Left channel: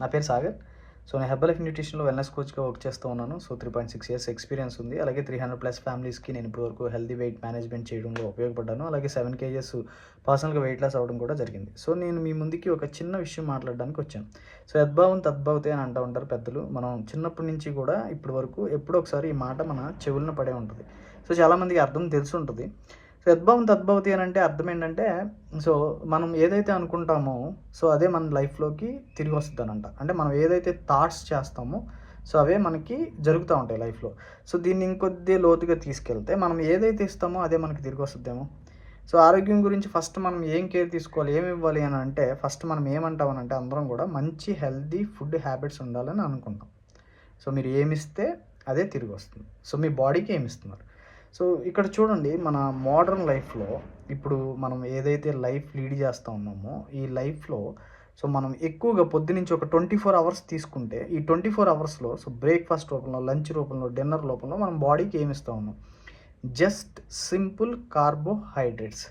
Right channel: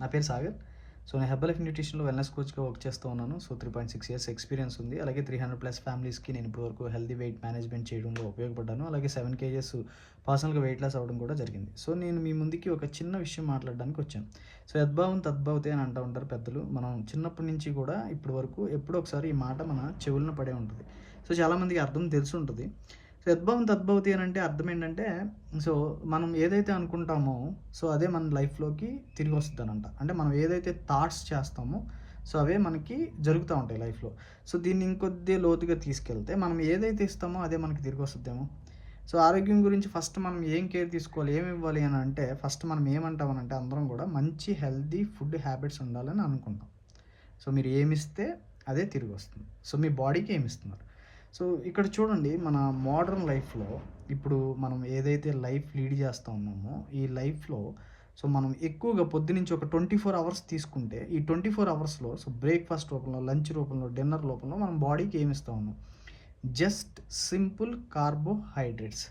నా పేరు సాగర్. సో నేను హెర్బలైఫ్ న్యూట్రిషన్‌లో వెల్‌నెస్ కోచ్‌గా వర్క్ చేస్తూ ఉన్నాను. సో 3.6 ఇయర్స్ ఎక్స్‌పీరియన్స్ ఉంది. అలాగే 300+ ఫ్యామిలీస్‌కి నేను ఇప్పటివరకు హెల్తీ వెయిట్ మేనేజ్‌మెంట్ చేయడంలో ఉపయోగపడ్డాను. అలాగే 7 కేజెస్ పర్సనల్‌గా వెయిట్ లాస్ అవ్వడం కూడా జరిగింది. సో నేను మీ ముందుకి ఒక చిన్న విషయం మాట్లాడడానికి వచ్చాను. సో యద్భావం తద్భవతే అని అంటూ ఉంటారు పెద్దలు. మనం చిన్నప్పటి నుంచి కూడా ఇప్పటి వరకు ఎప్పుడో ఒకసారి ఈ మాట మన చెవులన పడే ఉంటది. సో చాలామందికి అర్థం తెలిసుంటది. సో యద్భావం తద్భవతి అని అంటే అర్థం ఏంటంటే, సో మనం ఏదైతే అనుకుంటామో సో అదే మన లైఫ్‌లోకి తిరిగి వస్తదనంట. అంటే మనం ఏదైతే థాట్స్ చేస్తామో సో అవే మనకి జరుగుతా ఉంటాయి లైఫ్‌లో. సో దీన్ని ఇంకొద్ది లోతుగా తీసుకెళ్తే మనం ఏదైతే ఇస్తామో అదే మనకి తిరిగి వస్తదేమో. సో ఆరోగ్యం గురించి ఫస్ట్ మనం ఏం కేర్ తీసుకోవాలి, ఏమి ఇవ్వాలి అని అంటే ఫస్ట్ మనం ఏమంటామనంటే అందరం కూడా మంచి హెల్తీ ఫుడ్ హ్యాబిట్స్ ఉండాలని అనుకుంటాం. సో మీరు ఏమిస్తే అదే తిరిగి వస్తుంది. సో మీ బాడీకి ఏమిస్తున్నారు. సో ఇక్కడ చూడండి మన మోడర్న్ లైఫ్‌లో ఇప్పుడు మనం ఏదైతే లైఫ్ లీడ్ చేస్తా ఉన్నామో ఈ లైఫ్‌లో సో మనం ఎక్కువగా పొద్దునుంచి ఒక 24 అవర్స్ తీసుకుంటే ఈ 24 అవర్స్‌లో సో బ్రేక్‌ఫాస్ట్ రూపంలో, లంచ్ రూపంలో, డిన్నర్ రూపంలో మనం బాడీకి ఏమి ఇస్తా ఉన్నాం. Just simple carbohydrates.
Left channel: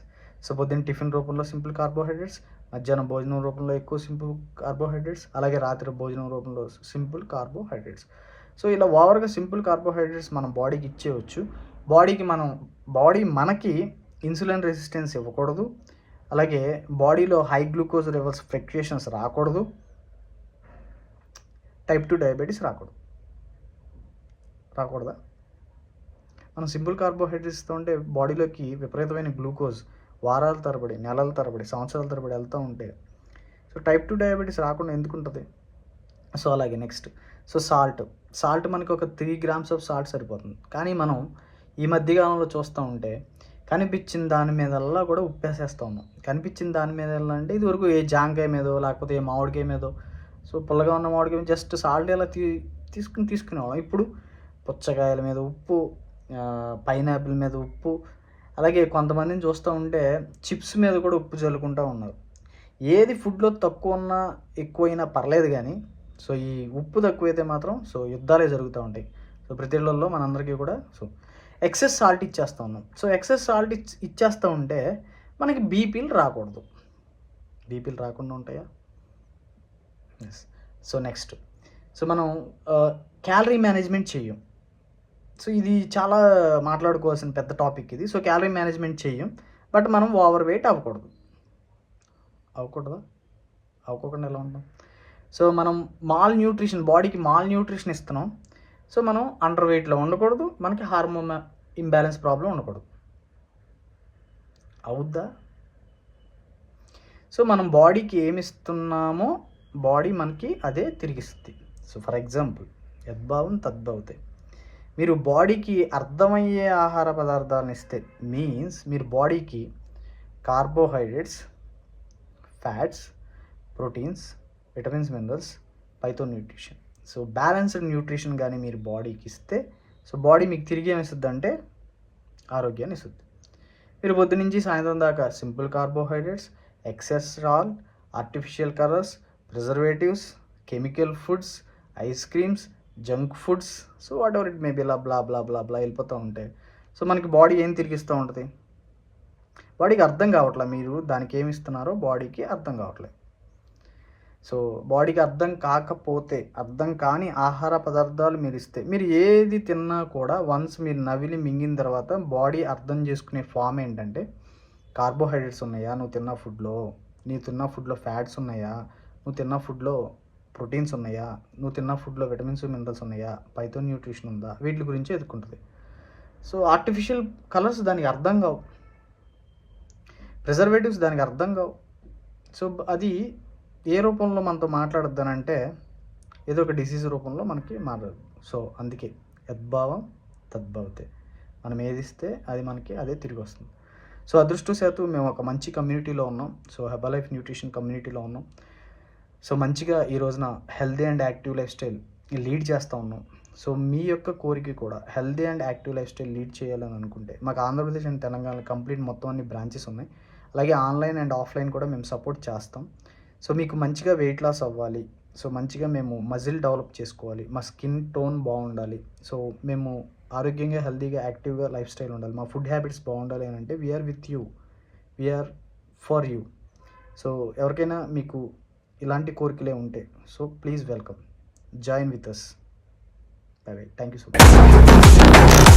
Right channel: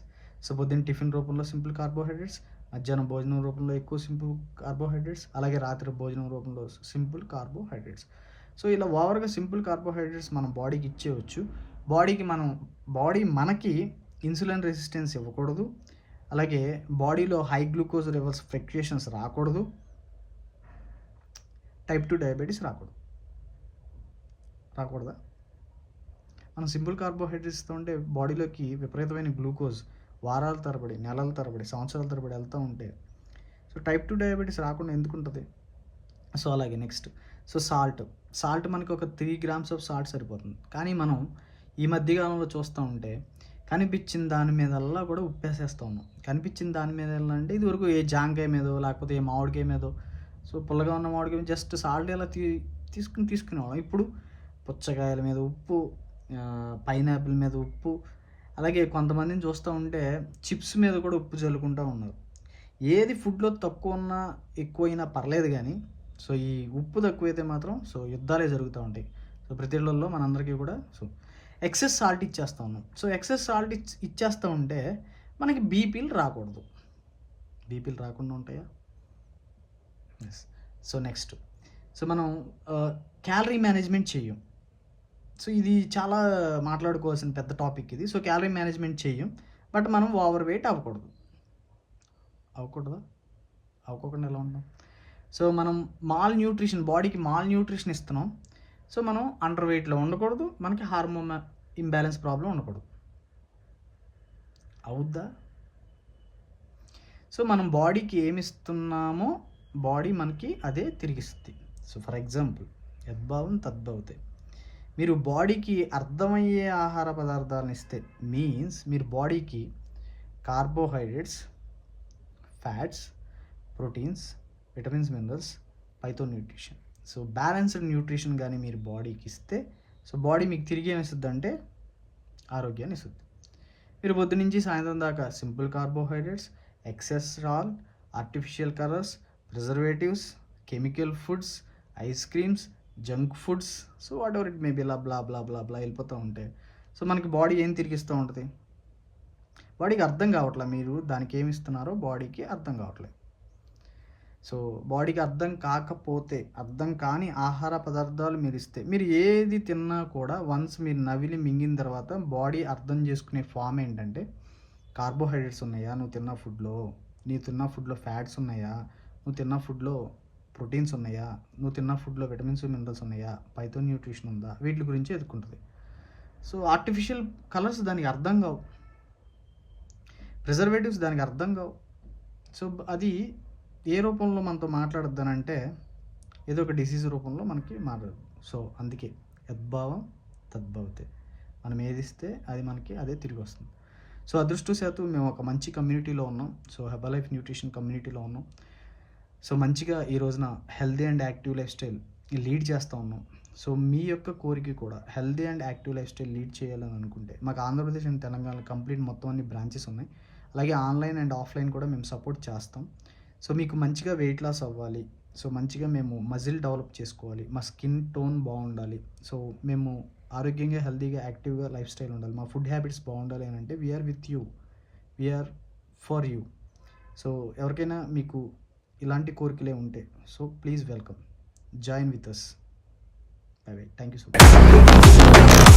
సో పొద్దున్న టిఫిన్ రూపంలో సింపుల్ కార్బోహైడ్రేట్స్, మధ్యాహ్నం భోజనం రూపంలో ఎక్కువ సింపుల్ కార్బోహైడ్రేట్స్, అలాగే రాత్రి భోజనం రూపంలో సింపుల్ కార్బోహైడ్రేట్స్. సో ఇలా ఓవర్‌గా సింపుల్ కార్బోహైడ్రేట్స్ మనం బాడీకి ఇచ్చేయొచ్చు. బాడీ మనకి ఇన్సులిన్ రెసిస్టెన్స్ ఇవ్వకూడదు. అలాగే బాడీలో హై గ్లూకోజ్ లెవెల్స్ ఫ్లక్చుయేషన్స్ రాకూడదు. టైప్ 2 డయాబెటీస్ రాకూడదు. రాకూడదా? మనం సింపుల్ కార్బోహైడ్రేట్స్ ఇస్తూ ఉంటే బాడీలోకి విపరీతమైన గ్లూకోజ్ వారాల తరబడి, నెలల తరబడి, సంవత్సరాల తరబడి వెళ్తూ ఉంటే సో టైప్ 2 డయాబెటీస్ రాకుండా ఎందుకుంటది? సో అలాగే నెక్స్ట్ సో సాల్ట్ మనకి ఒక 3 గ్రామ్స్ ఆఫ్ సాల్ట్ సరిపోతుంది. కానీ మనం ఈ మధ్యకాలంలో చూస్తూ ఉంటే కనిపించిన దాని మీదల్లా కూడా ఉప్పేసేస్తూ ఉన్నాం. కనిపించిన దాని మీదల్లా అంటే ఇదివరకు ఏ జాంకాయ మీదో లేకపోతే ఏ మామిడికాయ మీదో సో పుల్లగా ఉన్న మామిడికాయ జస్ట్ సాల్ట్ ఎలా తీసుకునేవాళ్ళం. ఇప్పుడు పుచ్చకాయల మీద ఉప్పు, పైనాపిల్ మీద ఉప్పు, అలాగే కొంతమందిని చూస్తూ ఉంటే చిప్స్ మీద కూడా ఉప్పు చల్లుకుంటూ ఉన్నారు. ఏది ఫుడ్‌లో తక్కువ ఉన్నా ఎక్కువైనా పర్లేదు కానీ సో ఈ ఉప్పు తక్కువైతే మాత్రం సో యుద్ధాలే జరుగుతూ ఉంటాయి. సో ప్రతి ఇళ్లల్లో మనందరికీ కూడా సో ఎక్సెస్ సాల్ట్ ఇచ్చేస్తూ ఉన్నాం. సో ఎక్సెస్ సాల్ట్ ఇచ్చేస్తూ ఉంటే మనకి బీపీలు రాకూడదు. బీపీలు రాకుండా ఉంటాయా? ఎస్. సో నెక్స్ట్ సో మనం క్యాలరీ మేనేజ్మెంట్ చెయ్యం. సో ఇది చాలా మాట్లాడుకోవాల్సిన పెద్ద టాపిక్ ఇది. సో క్యాలరీ మేనేజ్మెంట్ చెయ్యం. బట్ మనం ఓవర్ వెయిట్ అవ్వకూడదు. అవ్వకూడదా? అవ్వకుండా ఎలా ఉంటాం? సో మనం బాడీకి మాల్ న్యూట్రిషన్ ఇస్తున్నాం. సో మనం అండర్ వెయిట్‌లో ఉండకూడదు. మనకి హార్మోన్ ఇంబ్యాలెన్స్ ప్రాబ్లమ్ ఉండకూడదు. అవుద్దా? సో మనం బాడీకి ఏమిస్తున్నామో బాడీ మనకి అదే తిరిగిస్తుంది. సో ఫర్ ఎగ్జాంపుల్ యద్భావం తద్భవతే. మీరు బాడీకి అర్థమయ్యే ఆహార పదార్థాలను ఇస్తే మీన్స్ మీరు బాడీకి carbohydrates, fats, proteins, vitamins, minerals, పైతో న్యూట్రిషన్. సో బ్యాలెన్స్డ్ న్యూట్రిషన్ కానీ మీరు బాడీకి ఇస్తే సో బాడీ మీకు తిరిగి ఏమిస్తుందంటే ఆరోగ్యాన్ని ఇస్తుంది. మీరు పొద్దునుంచి సాయంత్రం దాకా simple carbohydrates, excess salt, artificial colours, preservatives, chemical foods, ice creams, junk foods so whatever it may be blah blah blah blah వెళ్ళిపోతూ ఉంటాయి. సో మనకి బాడీ ఏం తిరిగిస్తూ ఉంటుంది? బాడీకి అర్థం కావట్లే. మీరు దానికి ఏమి ఇస్తున్నారో బాడీకి అర్థం కావట్లేదు. సో బాడీకి అర్థం కాని ఆహార పదార్థాలు మీరు ఇస్తే మీరు ఏది తిన్నా కూడా వన్స్ మీరు నవిలి మింగిన తర్వాత బాడీ అర్థం చేసుకునే ఫామ్ ఏంటంటే కార్బోహైడ్రేట్స్ ఉన్నాయా నువ్వు తిన్న ఫుడ్లో, ఫ్యాట్స్ ఉన్నాయా, నువ్వు తిన్న ఫుడ్లో ప్రోటీన్స్ ఉన్నాయా, నువ్వు తిన్న ఫుడ్లో విటమిన్స్, మినరల్స్ ఉన్నాయా, పైతో న్యూట్రిషన్ ఉందా, వీటి గురించి ఎదుర్కొంటుంది. సో ఆర్టిఫిషియల్ కలర్స్ దానికి అర్థం కావు, ప్రిజర్వేటివ్స్ దానికి అర్థం కావు. సో అది ఏ రూపంలో మనతో మాట్లాడొద్దనంటే ఏదో ఒక డిసీజ్ రూపంలో మనకి మాట్లాడదు. సో అందుకే యద్భావం తద్భవతే. మనం ఏది ఇస్తే అది మనకి అదే తిరిగి వస్తుంది. సో అదృష్టవశాత్తు మేము ఒక మంచి కమ్యూనిటీలో ఉన్నాం. సో హెర్బలైఫ్ న్యూట్రిషన్ కమ్యూనిటీలో ఉన్నాం. సో మంచిగా ఈ రోజున healthy and active life style lead చేస్తూ ఉన్నాం. సో మీ యొక్క కోరిక కూడా healthy and active life style lead చేయాలని అనుకుంటే మాకు ఆంధ్రప్రదేశ్ అండ్ తెలంగాణ కంప్లీట్ మొత్తం అన్ని బ్రాంచెస్ ఉన్నాయి. అలాగే ఆన్లైన్ అండ్ ఆఫ్లైన్ కూడా మేము సపోర్ట్ చేస్తాం. సో మీకు మంచిగా వెయిట్ లాస్ అవ్వాలి, సో మంచిగా మేము మజిల్ డెవలప్ చేసుకోవాలి, మా స్కిన్ టోన్ బాగుండాలి, సో మేము ఆరోగ్యంగా హెల్తీగా యాక్టివ్గా లైఫ్ స్టైల్ ఉండాలి, మా ఫుడ్ హ్యాబిట్స్ బాగుండాలి అని అంటే we are with you, we are for you. So ఎవరికైనా మీకు ఇలాంటి కోరికలే ఉంటే. So please welcome, join with us. Bye bye, thank you so much.